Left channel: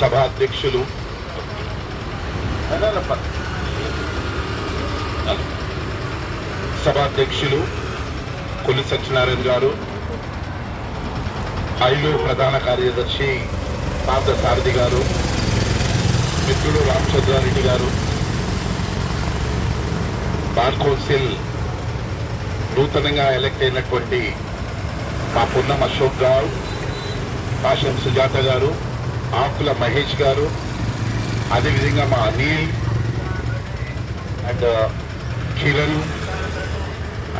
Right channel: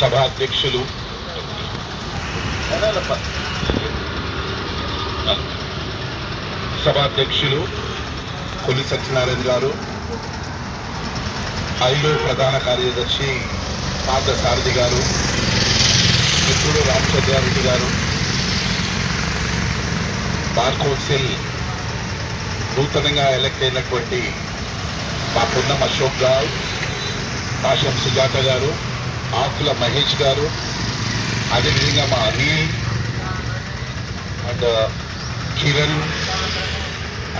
సభాధ్యక్షులు కొల్లి సత్యనారాయణ గారు, ఐలో ప్రధాన కార్యదర్శి పార్థసారథి గారు, మిత్రుడు రామచంద్రారెడ్డి గారు, బార్ కౌన్సిల్ నూతనంగా ఎలక్ట్ అయినటువంటి మా పున్నం అశోక్ గారు, పాషం సుజాత గారు, ఆకుల మహేష్ గారు, అదేవిధంగా మా అనిల్ అండ్ కిరణ్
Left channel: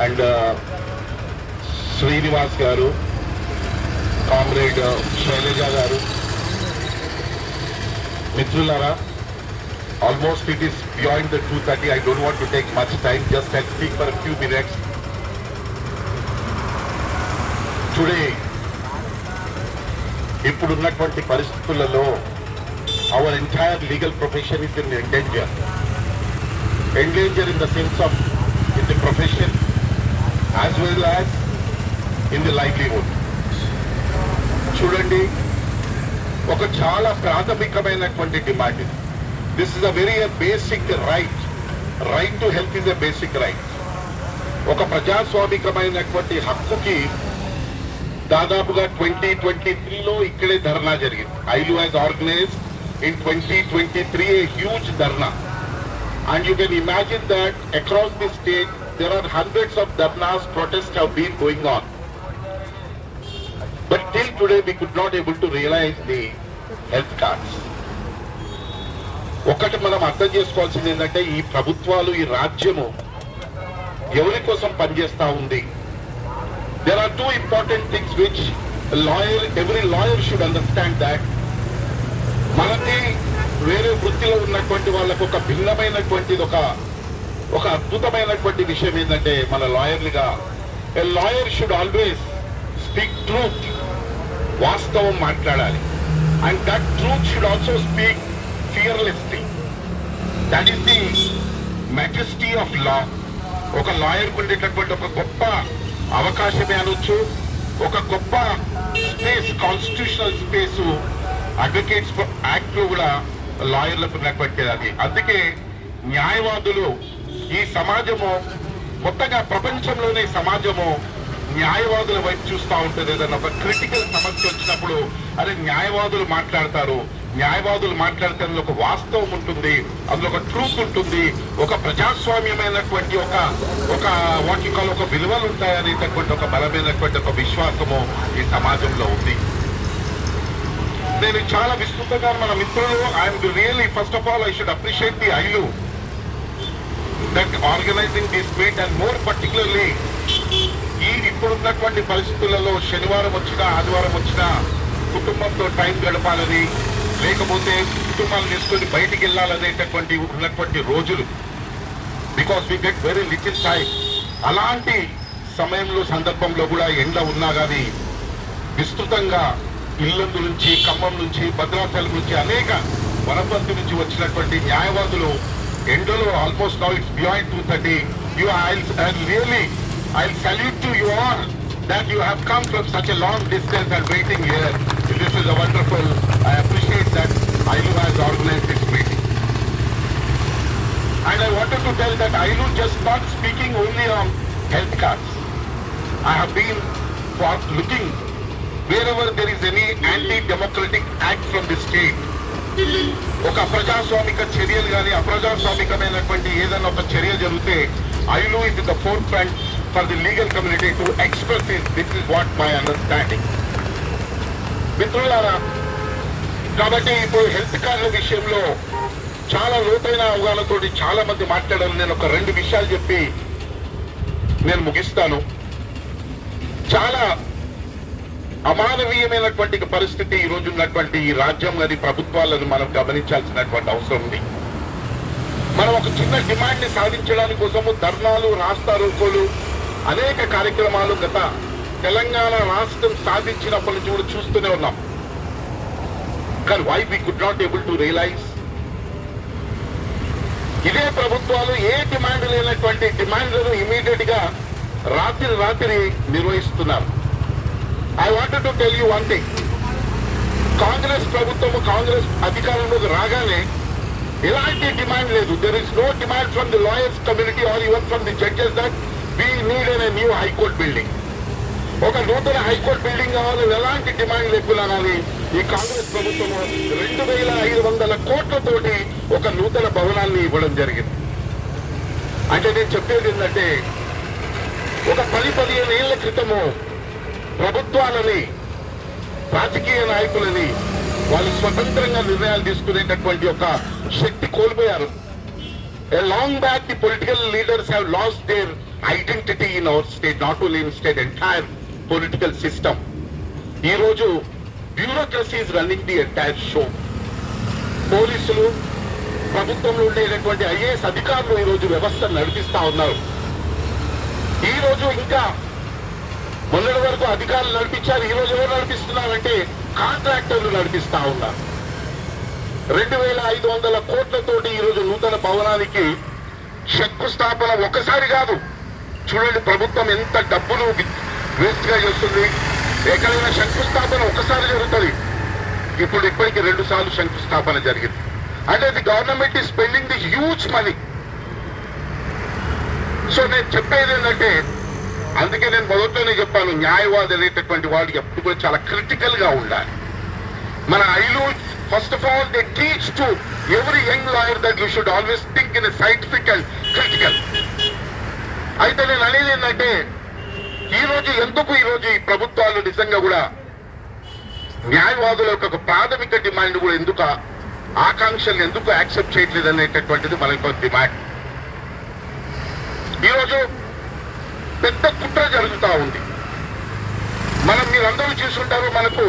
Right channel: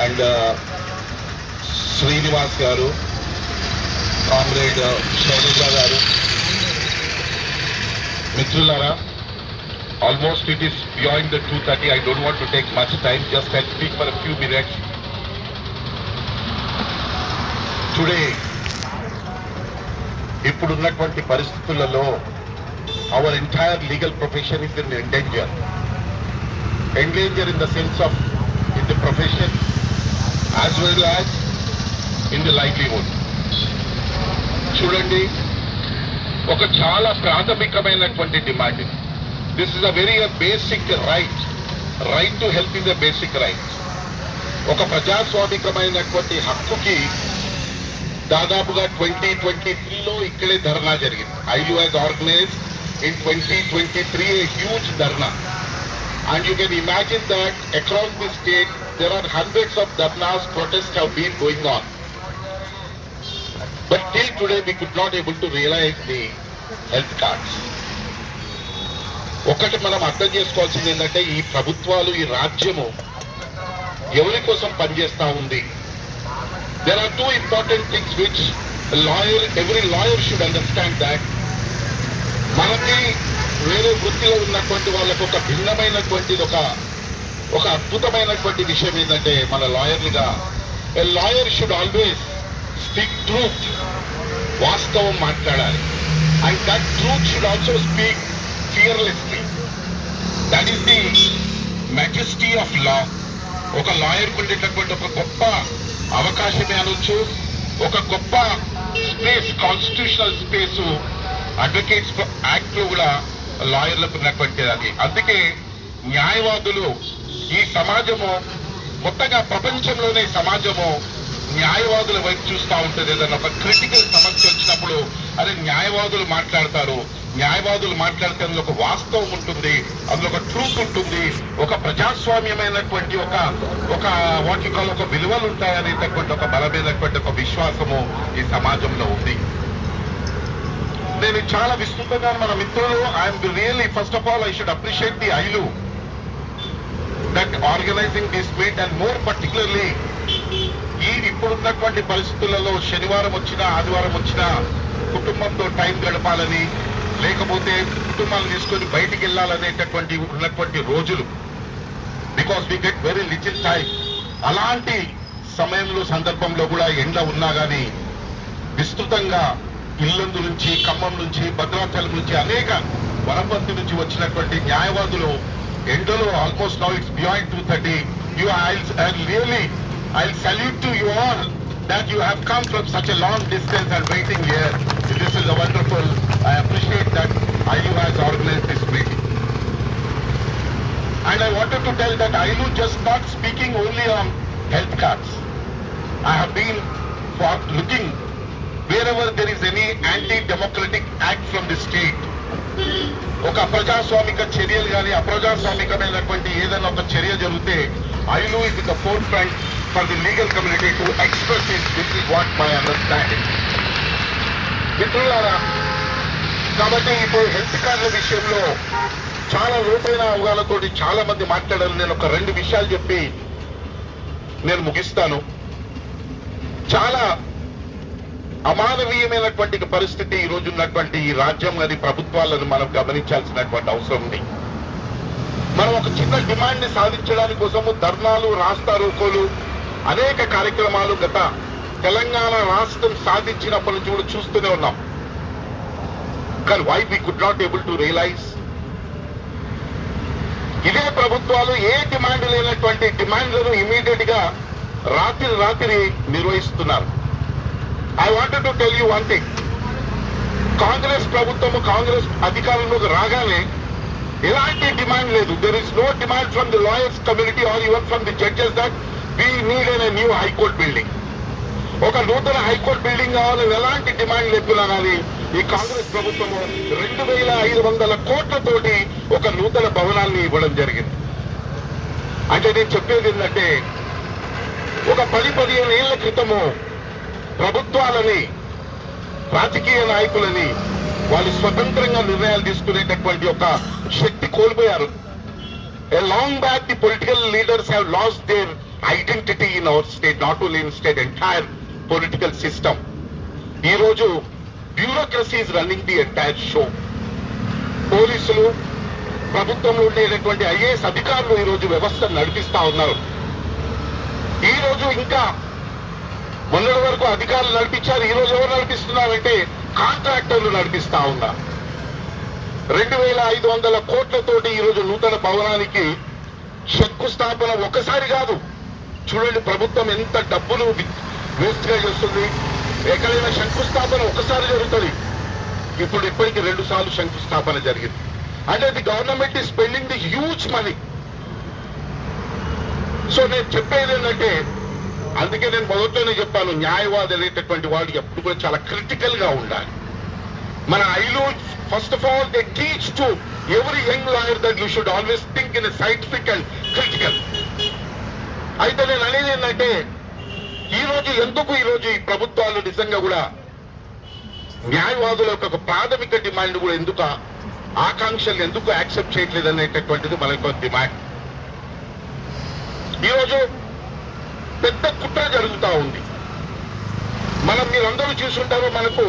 అండ్ శ్రీనివాస్ గారు, కామ్రేడ్ శైలజ గారు, మిత్రులారా, almost it is beyond the 2:30. I don't want to take much time, just I'll speak for a few minutes. Today, ఇప్పుడున్నటువంటి పరిస్థితులలో our entire legal profession is in danger. Endanger in the sense of in the profession as well as in the livelihood. చూడండి, ఒక చాలా ప్రాథమికమైనటువంటి demand. This is a very basic right to health is a basic right. ఒక ప్రజాస్వామికమైనటువంటి హక్కుకి దాదాపుగా 2023లో ఇక్కడే ధర్నా జరిగింది. AILU has organised in 2023 a huge dharna, and you can imagine that across the state there are hundreds of dharnas, protests have been going on, but till today we could not able to realize the health cards. ఒకటి మనం అర్థం చేసుకోవాల్సింది ఏంటంటే, ఈ ప్రభుత్వాలు, ఈ రాజ్యము ఎవరి కోసం పనిచేస్తా ఉంది. There are two important things which every lawyer should understand, that మనకి వేరే వృత్తిలో ఉన్నటువంటి వాళ్ళకు ఒక భిన్నమైనటువంటిది, ఒక అద్భుతమైనటువంటి విషయం ఏంటంటే, మన లాయర్లుగా a lawyer should always speak truth, వాస్తవం మాట్లాడాలి. And that truth should also speak fearlessly. That is the majesty of law. ఒక లాయర్కు ఉండేటటువంటి ఒక గొప్ప అవకాశమే అనొచ్చు, ఒక గొప్ప space, constitutional space advocates act లో కూడా లాయర్లకు ఉన్నటువంటి అది. అందుకే న్యాయవాదులు, ఈ సమాజము మొత్తగా ప్రపంచంలోనే సమాజము న్యాయవాదుల వైపు చూస్తూ ఉంటుంది. ఏదైనా ఒక క్రిటికల్ సమస్య వచ్చినప్పుడు అదే న్యాయవాదులు మాట్లాడతారు. న్యాయవాదులు మాట్లాడటంలో ఒక వాస్తవం ఉంటుంది, అందులో ఒక ట్రూత్ ఉంటుంది, ఒక ప్రజాస్వామ్యమైనటువంటి ఒక వాటికాలు ఒక విలువలు ఉంటాయనేటటువంటి ఒక బలమైనటువంటి ఒక విశ్వాసము ఈ సమాజంలో ఉంది. నేను చాలా విస్తృతంగా మన మిత్రులు, I'm really first of all I should appreciate the AILU that organizing this meet, and more particularly ఈ ఇప్పుడున్నటువంటి పరిస్థితులలో శనివారం వచ్చినా ఆదివారం వచ్చినా కుటుంబంతో టైం గడపాలని, లేకపోతే కుటుంబాలు తీసుకొని బయటికి వెళ్ళాలనేటటువంటి ఉన్నటువంటి రోజులు, because we get very little time. అలాంటి సమయంలో సందర్భంలో కూడా ఎండ ఉన్నా కానీ విస్తృతంగా ఇల్లందు నుంచి, ఖమ్మం నుంచి, భద్రాచలం నుంచి, అనేక వనపర్తి నుంచి వచ్చినటువంటి న్యాయవాదులు ఎండలో almost now it's beyond 2:30. I'll salute to you all that you have come from such a long distance and waiting here. This is a wonderful. I appreciate that ILU has organized this meeting. And I wanted to tell that ILU just not speaking only on health cards. I have been looking wherever there is any anti-democratic act from the state, ఒక అప్రజాస్వామిక చర్యలు కానీ అప్రజాస్వామికమైనటువంటి ఏదైనా ఒక చర్య జరిగితే AILU is in the forefront for the legal community to express it. This is what my understanding. మిత్రులారా, కాబట్టి ఇప్పుడు హెల్త్ కార్డుల విషయంలో చాలా లోతైన అవగాహనతో చాలా మంది మాట్లాడారు. నేను ఒక 2 విషయాలు చెప్పి నేను ముగిస్తాను. చాలా అమానవీయమైనటువంటి పరిస్థితి ఈ రోజు ఉన్నటువంటి ఈ రాజ్యం గారి ప్రభుత్వాలను మనం గమనించాల్సినటువంటి అవసరం ఉంది. మనం ఒక చిన్న డిమాండ్ ని సాధించడానికి కోసము ధర్నాలు, రాస్తా రోకోలు, అనేక కార్యక్రమాలు గత తెలంగాణ రాష్ట్రం సాధించినప్పటి నుంచి కూడా చూస్తూనే ఉన్నాం. కానీ why we could not able to realise, ఇదే ప్రభుత్వాలు ఏ డిమాండ్ లేనటువంటి డిమాండ్లను ఇమీడియట్ గా రాత్రి నిర్వహిస్తున్నారు. I wanted to tell you one thing. Congress ప్రభుత్వము కాంగ్రెస్ అధికారంలోకి రాగానే ఎలాంటి డిమాండ్ లేదు. There is no demand from the lawyers community or even from the judges that we need a new high court building. ఒక నూతన హైకోర్టు బిల్డింగ్ కావాలని ఎలాంటి డిమాండ్ లేకున్నా కానీ ఈ కాంగ్రెస్ ప్రభుత్వము 2,500 కోట్లతోటి ఒక నూతన భవనాన్ని ఇవ్వడం జరిగింది. అంటే నేను చెప్పేది ఏంటంటే ఒక 10-15 ఏళ్ల క్రితము ప్రభుత్వాలని రాజకీయ నాయకులని వాళ్ళు స్వతంత్రంగా నిర్ణయాలు తీసుకునేటటువంటి ఒక శక్తి కోల్పోయారు. A long back the political leaders have lost their identity in our state, not only in state, entire political system. ఈ రోజు bureaucracy is running the entire show. పోలీసులు ప్రభుత్వంలో ఉండేటటువంటి ఐఏఎస్ అధికారులు ఈ రోజు వ్యవస్థను నడిపిస్తా ఉన్నారు. ఈ రోజు ఇంకా మొన్నటి వరకు అధికారులు నడిపించారు, ఈ రోజు ఎవరు నడిపిస్తున్నారంటే కాంట్రాక్టర్లు నడిపిస్తా ఉన్నారు. 2,500 కోట్లతోటి ఈ రోజు నూతన భవనానికి శంకుస్థాపన ఒకసారి కాదు. చూడండి ప్రభుత్వం ఎంత డబ్బులు వేస్ట్ గా చేస్తుంది. ఎక్కడైనా శంకుస్థాపన ఒకసారి జరుగుతుంది, ఇప్పుడు ఇప్పటికి 2 సార్లు శంకుస్థాపన జరిగింది. అంటే the government is spending the huge money. So నేను చెప్పేది ఏంటంటే అందుకే నేను మొదట్లోనే చెప్పాను, న్యాయవాది అనేటటువంటి వాడు ఎప్పుడు కూడా చాలా క్రిటికల్ గా ఉండాలి. మన AILU first of all they teach to every young lawyer that you should always think in scientific and critical. అయితే నేను అనేది ఏంటంటే ఈ రోజు ఈ ప్రభుత్వాలు నిజంగా కూడా న్యాయవాదుల యొక్క ప్రాథమిక డిమాండ్ కూడా ఎందుకు ఆకాంక్షలు ఎందుకు యాక్సెప్ట్ చేయట్లేదు అనేటటువంటిది మన యొక్క డిమాండ్. ఈరోజు పెద్ద కుట్ర జరుగుతూ ఉంది. మీరందరూ చూసుంటారు, మనకు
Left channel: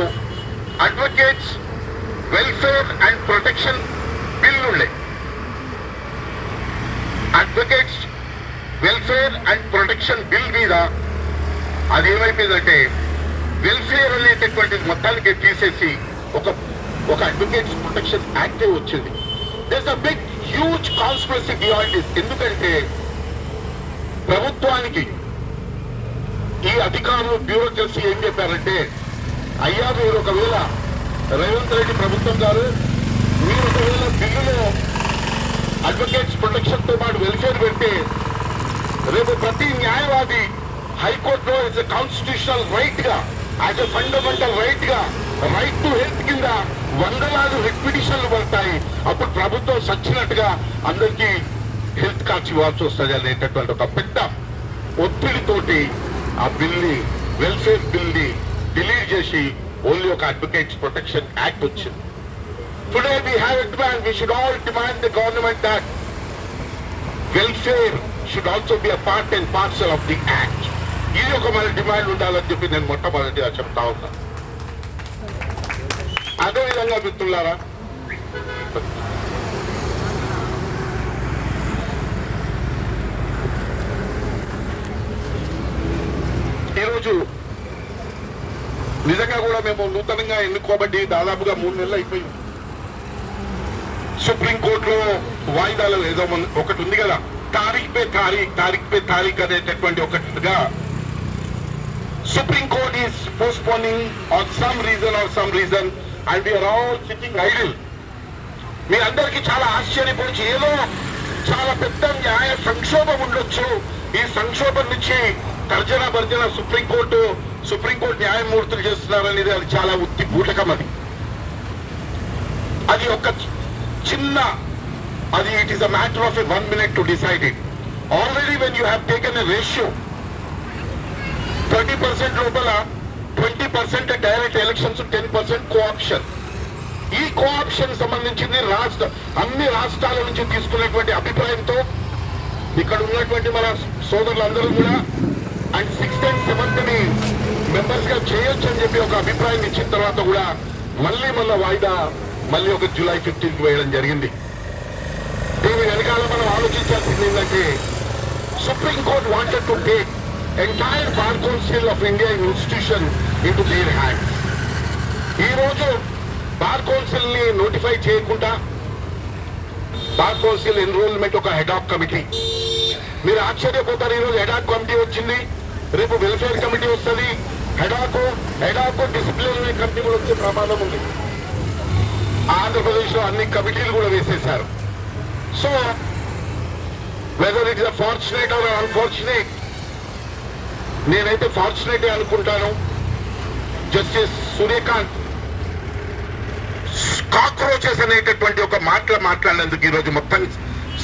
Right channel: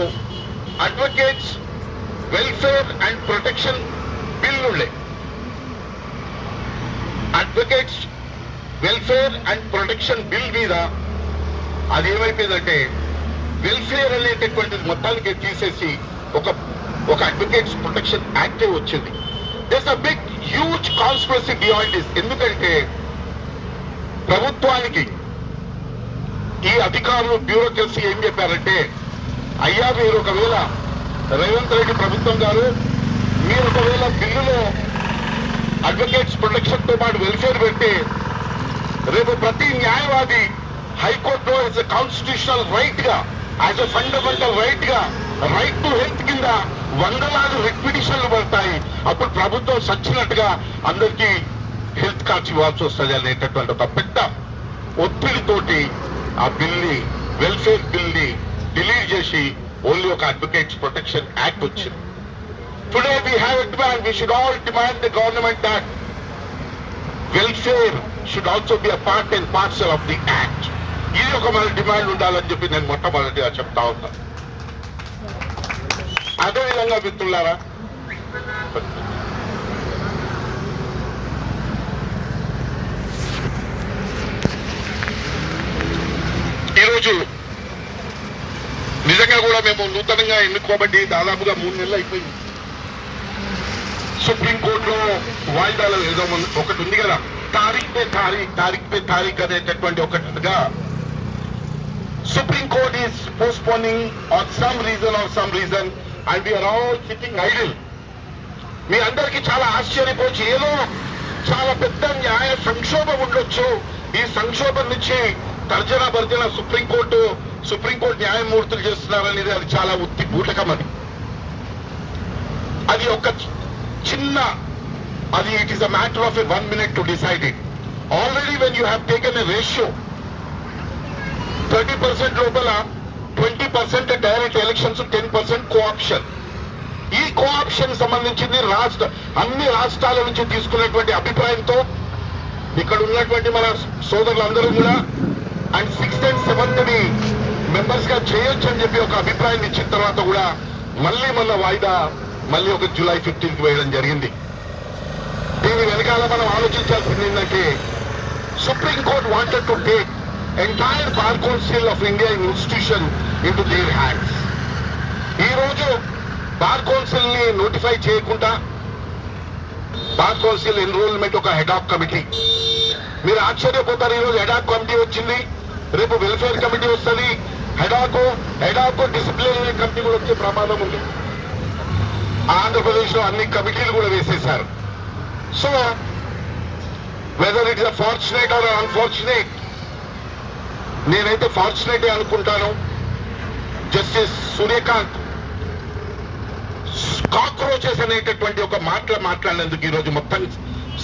advocates welfare and protection bill ఉండే. Advocates welfare and protection bill మీద అది ఏమైపోయిందంటే వెల్ఫేర్ అనేటటువంటిది మొత్తానికి తీసేసి ఒక అడ్వకేట్స్ ప్రొటెక్షన్ యాక్ట్ వచ్చింది. This a big huge conspiracy beyond this. ఎందుకంటే ప్రభుత్వానికి ఈ అధికారులు బ్యూరోక్రసీ ఏం చెప్పారంటే, అయ్యా మీరు ఒకవేళ రేవంత్ రెడ్డి ప్రభుత్వం గారు మీరు ఒకవేళ బిల్లులో అడ్వకేట్స్ ప్రొటెక్షన్ తో పాటు వెల్ఫేర్ పెడితే రేపు ప్రతి న్యాయవాది హైకోర్టులో యాజ్ ఎ కాన్స్టిట్యూషనల్ రైట్ గా, యాజ్ ఎ ఫండమెంటల్ రైట్ గా, రైట్ టు హెల్త్ కింద వందలాది రిట్ పిటిషన్లు పడతాయి. అప్పుడు ప్రభుత్వం సచ్చినట్టుగా అందరికీ హెల్త్ కార్డ్స్ ఇవ్వాల్సి వస్తుంది అనేటటువంటి ఒక పెద్ద ఒత్తిడితోటి ఆ బిల్ని వెల్ఫేర్ బిల్ని డిలీట్ చేసి ఓన్లీ ఒక అడ్వకేట్స్ ప్రొటెక్షన్ యాక్ట్ వచ్చింది. Today we have a demand, we should all demand the government that welfare should also be a part and parcel of the act. ఇది ఒక మన డిమాండ్ ఉండాలని చెప్పి నేను మొట్టమొదటిగా చెప్తా ఉన్నా. అదేవిధంగా మిత్రులారా, ఈరోజు నిజంగా కూడా మేము నూతనంగా ఎన్నుకోబట్టి దాదాపుగా 3 నెలలు అయిపోయింది. సుప్రీంకోర్టులో వాయిదాలు ఏదో ఒకటి ఉంది కదా, తారీఖ్ పే తారీఖ్ అనేటటువంటి ఒకటిగా supreme court is postponing on some reason and we are all sitting idle. మీ అందరికీ చాలా ఆశ్చర్యపోయి ఏదో చాలా పెద్ద న్యాయ సంక్షోభం ఉండొచ్చు, ఈ సంక్షోభం నుంచి తర్జన భర్జన సుప్రీంకోర్టు న్యాయమూర్తులు చేస్తున్నారనేది అది చాలా ఉత్తి బూటకం. అది ఒక చిన్న it is a matter of 1 minute to decide it. Already when you have taken a ratio 30% లోపల 20% డైరెక్ట్ ఎలక్షన్స్, 10% కోఆప్షన్. ఈ కోఆప్షన్ సంబంధించింది అన్ని రాష్ట్రాల నుంచి తీసుకునేటువంటి అభిప్రాయంతో ఇక్కడ ఉన్నటువంటి మన సోదరులందరూ కూడా and 6th and 7th members గా చేయొచ్చు అని చెప్పి ఒక అభిప్రాయం ఇచ్చిన తర్వాత కూడా మళ్ళీ వాయిదా ఒక July 15th వేయడం జరిగింది. దీని వెనకాల మనం ఆలోచించాల్సింది ఏంటంటే supreme court wanted to take entire bar council of India institution into their hands. ఈ రోజు బార్ కౌన్సిల్ ని నోటిఫై చేయకుండా బార్ కౌన్సిల్ ఎన్రోల్మెంట్ ఒక హెడాక్ కమిటీ. మీరు ఆశ్చర్యపోతారు, ఈ రోజు హెడాక్ కమిటీ వచ్చింది, రేపు వెల్ఫేర్ కమిటీ వస్తుంది, హెడాక్ డిసిప్లినరీ కమిటీ కూడా వచ్చే ప్రమాదం ఉంది. ఆంధ్రప్రదేశ్ లో అన్ని కమిటీలు కూడా వేసేశారు. So whether it is fortunate or unfortunate, నేనైతే ఫార్చునేట్ అనుకుంటాను. జస్టిస్ సూర్యకాంత్ కాక్రోచెస్ అనేటటువంటి ఒక మాట్లాడినందుకు ఈరోజు మొత్తం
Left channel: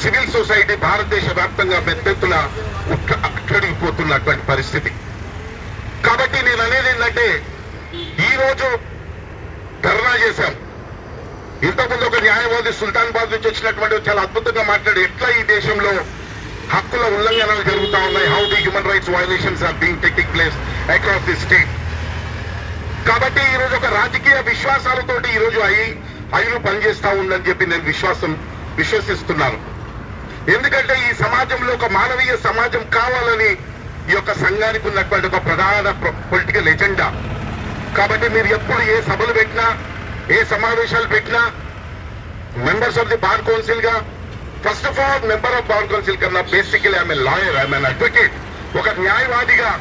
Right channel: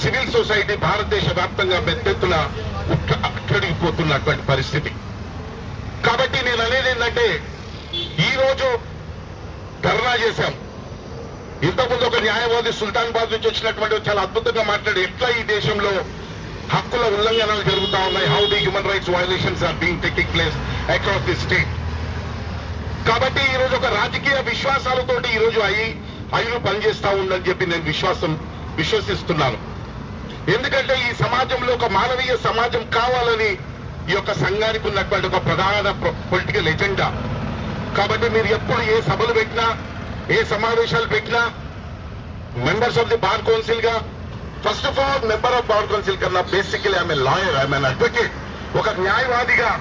సివిల్ సొసైటీ భారతదేశ వ్యాప్తంగా పెద్దెత్తున అట్టడిగిపోతున్నటువంటి పరిస్థితి. కాబట్టి నేను అనేది ఏంటంటే, ఈరోజు ధర్నా చేశాం. ఇంతకుముందు ఒక న్యాయవాది సుల్తానాబాద్ నుంచి వచ్చినటువంటి చాలా అద్భుతంగా మాట్లాడి ఎట్లా ఈ దేశంలో హక్కుల ఉల్లంఘనలు జరుగుతా ఉన్నాయి, how the human rights violations are being taking place across the state. కాబట్టి ఈరోజు ఒక రాజకీయ విశ్వాసాలతోటి ఈరోజు ఐలు పనిచేస్తా ఉందని చెప్పి నేను విశ్వసిస్తున్నాను. ఎందుకంటే ఈ సమాజంలో ఒక మానవీయ సమాజం కావాలని ఈ యొక్క సంఘానికి ఉన్నటువంటి ఒక ప్రధాన పొలిటికల్ ఎజెండా. కాబట్టి మీరు ఎప్పుడు ఏ సభలు పెట్టినా, ఏ సమావేశాలు పెట్టినా, members of the bar council గా, first of all member of bar council కన్నా basically I'm a lawyer, I'm an advocate. ఒక న్యాయవాదిగా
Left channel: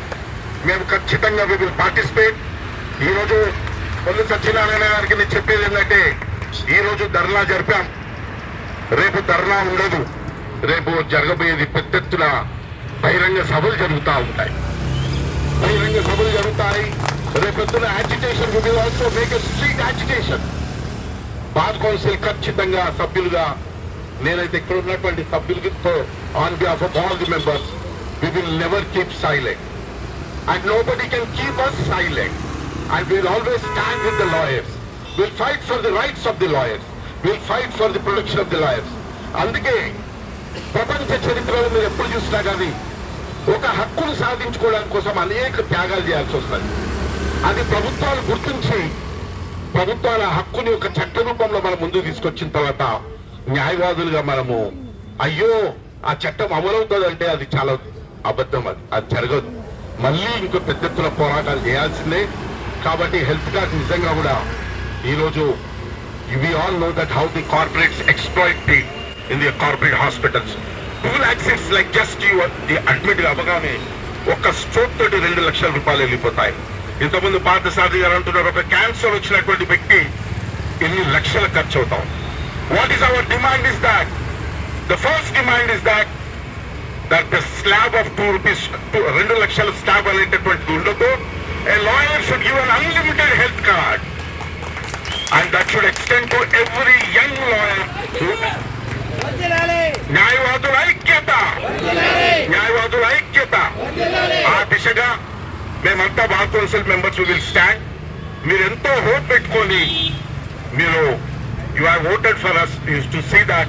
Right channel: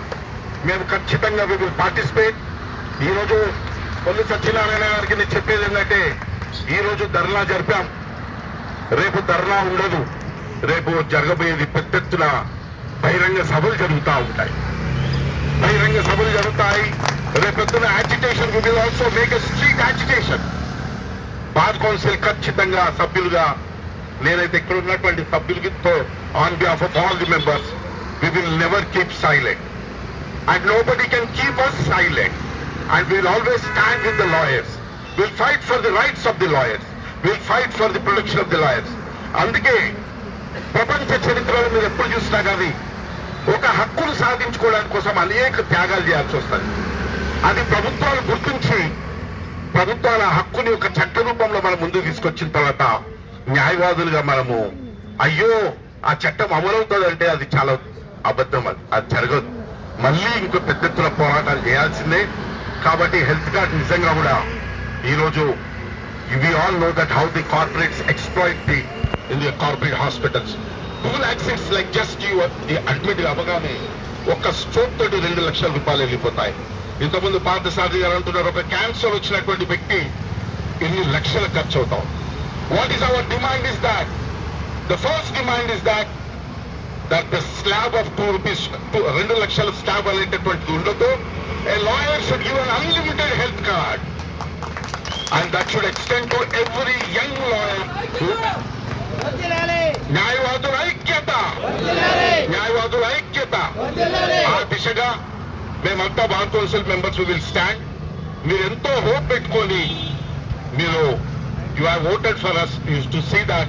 మేము ఖచ్చితంగా వి విల్ పార్టిసిపేట్. ఈ రోజు కొల్లు సత్యనారాయణ గారికి నేను చెప్పేది ఏంటంటే, ఈ రోజు ధర్నా జరిపాం, రేపు ధర్నా ఉండదు. రేపు జరగబోయేది పెద్ద ఎత్తున బహిరంగ సభలు జరుగుతూ ఉంటాయి. బహిరంగ సభలు జరుగుతాయి. రేపొద్దున agitation will also make a street agitation. Bar council ఖచ్చితంగా సభ్యులుగా, నేనైతే ఇక్కడ ఉన్నటువంటి సభ్యులతో on behalf of all the members, we will never keep silent and nobody can keep us silent. And we will always stand with the lawyers. We will fight for the rights of the lawyers. We will fight for the protection of the lawyers. అందుకే ప్రపంచ చరిత్రలో మీరు ఎప్పుడు చూసినా కానీ ఒక హక్కును సాధించుకోవడానికి కోసం అనేక త్యాగాలు చేయాల్సి వస్తుంది. అది ప్రభుత్వాలు గుర్తించి ప్రభుత్వాల హక్కుని ఒక చట్ట రూపంలో మనం ముందుకు తీసుకొచ్చిన తర్వాత న్యాయవాదులుగా మనము అయ్యో ఆ చట్టం అమలవుతుందంటే అది చాలా అబద్ధం, అది జరగదు. మళ్ళీ ఇంకో పెద్ద ఎత్తున పోరాటాలు చేయాల్సిందే. కాబట్టి హెల్త్ కార్డ్ నిజంగా కూడా ఈరోజు we all know that how the corporates exploit the in the corporate hospitals. Google access like just you admit అవ్వగానే ఒక్క స్ట్రోక్ తోటి 2 లక్షల రూపాయలు వెళ్ళిపోతాయి. ఇంతకుముందు పార్థసారథి గారు అంటున్నారు, ఒక క్యాన్సర్ వచ్చినటువంటి వ్యక్తి ఎన్ని లక్షలు ఖర్చు అవుతాం. What is our demand is that the first demand is that the slab of 2 rupees, 2 లక్షల స్లాబ్ అనేటటువంటి ఉండదు. A lawyer should give an unlimited health card and that should extend to every young lawyer. న్యాయవాదుల ఐక్యత, న్యాయవాదుల ఐక్యత. ఆ దిశగా మేమంతా bar council members will stand. మీరు ఎంతో హోప్ పెట్టుకొని మీరు you have voted for us is to see that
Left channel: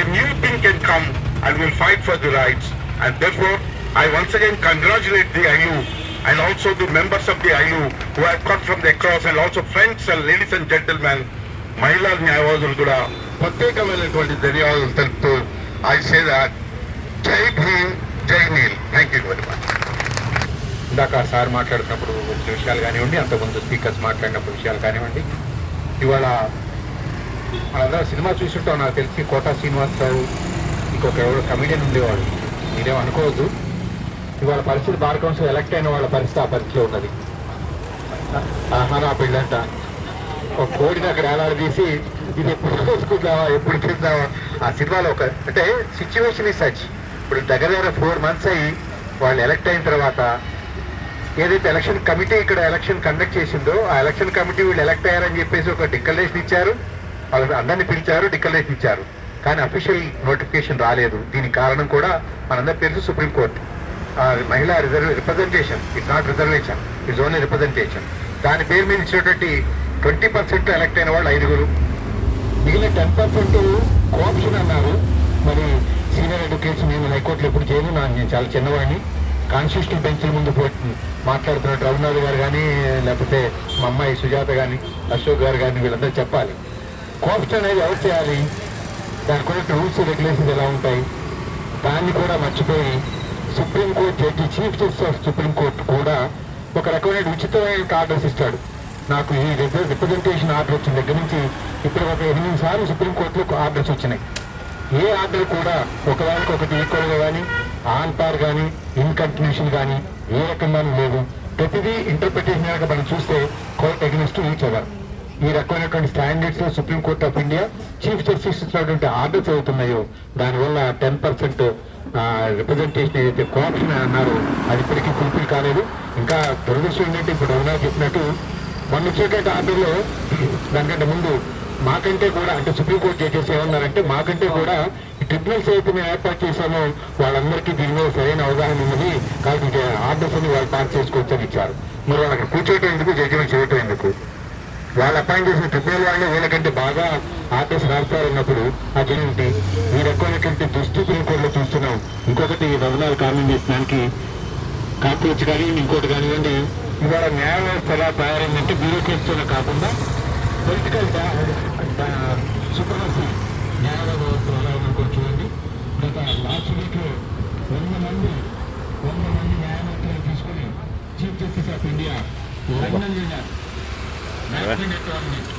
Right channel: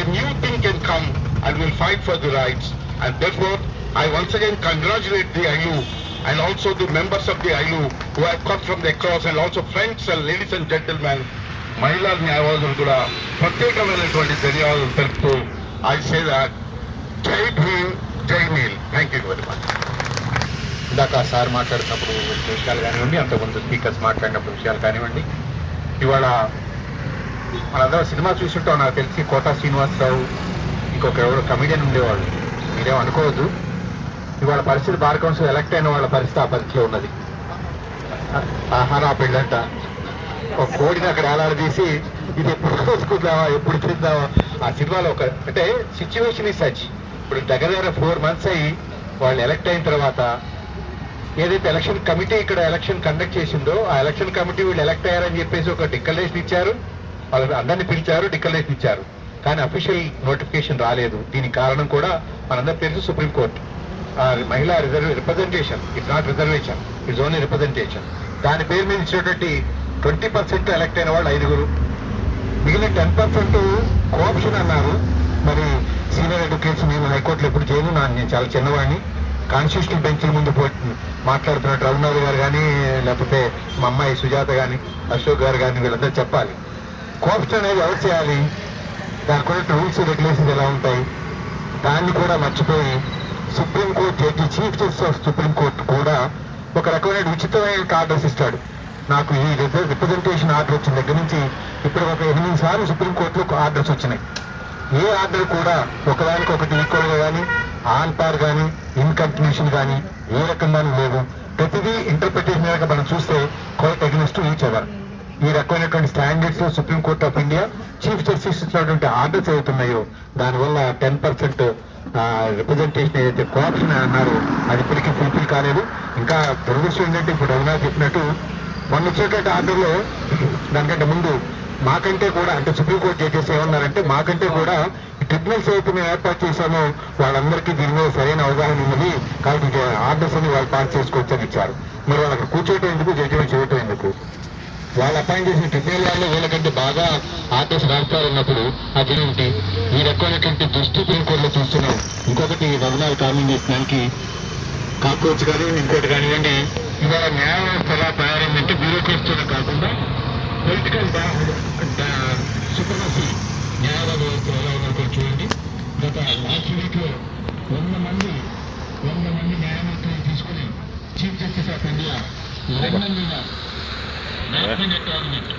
a new thing can come and we'll fight for the rights. And therefore I once again congratulate the ILU and also the members of the ILU who have come from the across, and also friends and ladies and gentlemen, మహిళా న్యాయవాదులు కూడా ప్రత్యేకమైనటువంటి ధన్యవాదాలు తెలుపుతూ I say that Jai Bhim, Jai Neel. Thank you very much. ఇందాక sir మాట్లాడుతున్నప్పుడు విషయాలు కానివ్వండి, అంతకుముందు స్పీకర్స్ మాట్లాడినప్పుడు విషయాలు కానివ్వండి, ఇవాళ మనందరం సినిమా చూస్తుంటాం. నాకు తెలిసి కోటా శ్రీనివాసరావు ఇంకొక ఎవరు కమిడియన్ ఉండేవాళ్ళు, మీరేం అనుకోవద్దు. ఇవాళ పరిస్థితి బార్ కౌన్సిల్ ఎలక్ట్ అయిన వాళ్ళ పరిస్థితి ఆ పరిస్థితిలో ఉన్నది. ఆహార పెళ్ళంట ఒక కోడిని అక్కడ ఏలాడదీసి ఇది ఎప్పుడు చూసుకుందావా, ఎప్పుడు చూద్దావా. ఆ సినిమాలో ఒక అంటే సిచ్యువేషన్ ఈ సచ్. ఇప్పుడు దగ్గర 4 months అయ్యి వాళ్ళు ఎలక్ట్ అయిన తర్వాత ఏదైతే ఎలక్షన్ కమిటీ ఇక్కడ ఎలక్షన్ కండక్ట్ చేసిందో ఆ ఎలక్షన్ కమిటీ వీళ్ళు ఎలక్ట్ అయ్యారని చెప్పేసి ఒక డిక్లరేషన్ ఇచ్చారు. వాళ్ళు అందరినీ పిలిచారు, డిక్లరేషన్ ఇచ్చారు. కానీ అఫీషియల్ నోటిఫికేషన్ రాలేదు. దీనికి కారణం కూడా మనందరూ తెలుసు, సుప్రీంకోర్టు మహిళా representation, it's not reservation, it's only representation. దాని పేరు మీద ఇచ్చినటువంటి 20% ఎలక్ట్ అయిన వాళ్ళు 5. మిగిలిన 10% కోఆప్షన్ అన్నారు. మరి సీనియర్ అడ్వకేట్స్ నేను హైకోర్టులో ఎప్పుడు చేయను, నేను చాలా చిన్నవాడిని. కాన్స్టిట్యూషనల్ బెంచ్ల ముందు మాట్లాడుతున్నట్టు రఘునాథ్ గారు కానీ, లేకపోతే మా అమ్మాయి సుజాత కానీ, అశోక్ గారు కానీ, వీళ్ళందరూ చెప్పాలి కోఆప్షన్ అనేది ఎవరు చేయాలి, దానికి కూడా రూల్స్ రెగ్యులేషన్స్ ఎలా ఉంటాయి. దాన్ని కూడా మర్చిపోయి supreme court judge, chief justice of supreme court కూడా ఒక రకమైన ఉచితమైన ఆర్డర్స్ ఇస్తాడు. నాకు ఈ రిప్రజెంటేషన్ ఆర్డర్ వచ్చిన దగ్గర నుంచి ఇప్పుడు ఒక 8 సార్లు సుప్రీంకోర్టులో ఆర్డర్స్ వచ్చినాయి. ఏ ఆర్డర్ కూడా ఒకదానికొకటి ఈక్వల్గా కానీ, ఆన్ పార్ కానీ, ఇన్కంటిన్యూషన్ కానీ ఏ రకంగానూ లేవు. ప్రతిదీ ఇంటర్ప్రిటేషన్ కనుక మనం చూస్తే కోర్ట్ అగెన్స్ట్ ఈచ్ అదర్. ఈ రకమైనటువంటి standards supreme court of India chief justice ఇచ్చినటువంటి ఆర్డర్స్ అవుతున్నాయో దానివల్ల 10% రిప్రజెంటేషన్ ఏదైతే కోఆప్షన్ అన్నారో అది ఇప్పటికీ ఫుల్ఫిల్ కాలేదు. ఇంకా దురదృష్టం ఏంటంటే ఇప్పుడు అవునా చెప్పినట్టు మొన్న వచ్చేటువంటి ఆర్డర్లో దానికంటే ముందు మాకంటే కూడా అంటే సుప్రీంకోర్టు జడ్జెస్ ఏమన్నారంటే మాకంటే కూడా ట్రిబ్యునల్స్ అయితే మేము ఏర్పాటు చేశామో వాళ్ళందరికీ దీని మీద సరైన అవగాహన ఉన్నది కాబట్టి ఆర్డర్స్ అని వాళ్ళు పాస్ చేసుకోవచ్చని ఇచ్చారు. మరి వాళ్ళకి కూర్చోవటం ఎందుకు, జడ్జిమెంట్ చేయటం ఎందుకు? వాళ్ళు అపాయింట్ చేసిన ట్రిబ్యునల్ వాళ్ళు వీళ్ళకంటే బాగా ఆర్డర్స్ రాస్తారన్నప్పుడు అదేంటి ఈ రకమైనటువంటి దుస్థితి కోర్టులో చూస్తున్నాం. ఇంకొకటి రవణాలు కామెంట్ చేసడానికి కాకపోవచ్చు కానివ్వండి, ఇంకోటి కానివ్వండి, ఇవాళ న్యాయ వ్యవస్థ ఎలా తయారైందంటే బ్యూరోక్రట్స్తోనే కాకుండా పొలిటికల్ సుప్రమసీ న్యాయ వ్యవస్థ ఎలా ఉందో చూడండి. గత లాస్ట్ వీక్ 100 మంది న్యాయమూర్తులను తీసుకుని chief justice of India London batsmen tournament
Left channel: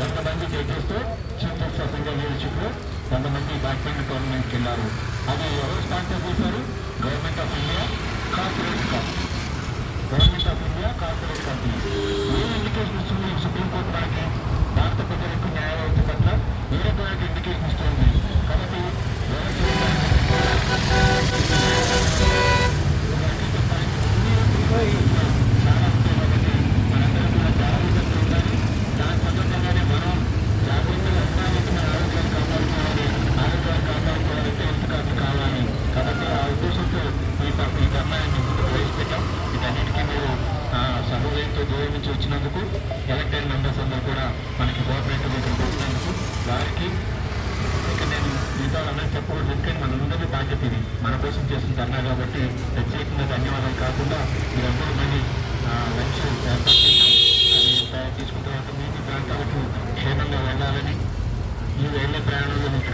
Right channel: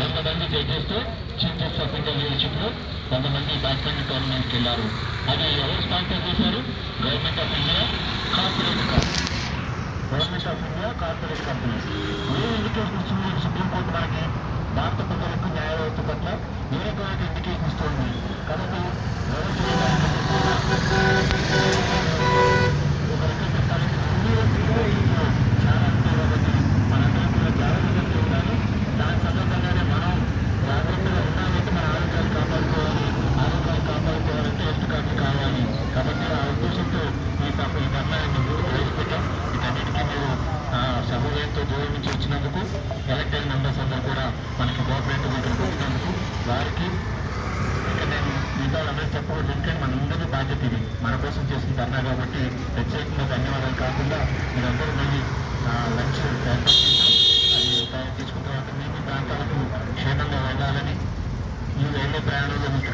100 మంది జడ్జెస్తో చీఫ్ జస్టిస్ ఆఫ్ ఇండియా లీడర్షిప్లో 100 మంది బ్యాట్స్మెన్ టోర్నమెంట్కి వెళ్ళారు. అది ఎవరు స్పాన్సర్ చేశారు? Government of India corporate company. A indication ఇస్తుంది సుప్రీంకోర్టు మనకి? భారత ప్రజలకు న్యాయ వ్యవస్థ పట్ల ఏ రకమైన ఇండికేషన్ ఇస్తుంది? కాబట్టి వ్యవస్థ చెప్పాలంటే చాలా ఉంటాయి కాబట్టి మనందరం కూడా జాగ్రత్తగా ఉండాలి. దాని సందర్భంగానే మనం జాగ్రత్తగా ఉండాలంటే మన ఆరోగ్యాలు కాపాడుకోవాలంటే హెల్త్ కార్డు కావాలి. కాబట్టి ఆ ఉద్దేశంతో ఈ ధర్నాన్ని ముందు ప్రవేశపెట్టాం. వీటన్నిటికీ మీరు సమూహంతో దూరం నుంచి వచ్చినందుకు, ఎలక్టెడ్ మెంబర్స్ అందరూ కూడా మనకి కోఆపరేటివ్ ఇక్కడికి వచ్చినందుకు వారికి ఇక నేను మిగతా వాళ్ళందరూ చెప్పకూడదు. ఎందుకంటే మనందరి బాధ్యత ఇది, మన కోసం చేసిన ధర్నా కాబట్టి ప్రత్యేకంగా ధన్యవాదాలు కాకుండా మీరందరూ మళ్ళీ లంచ్ ఏర్పాటు చేశాం. అది తీసుకున్న తర్వాత మీ ప్రాంతాలకు క్షేమంగా వెళ్ళాలని, ఈ వెళ్ళే ప్రయాణంలో మీకు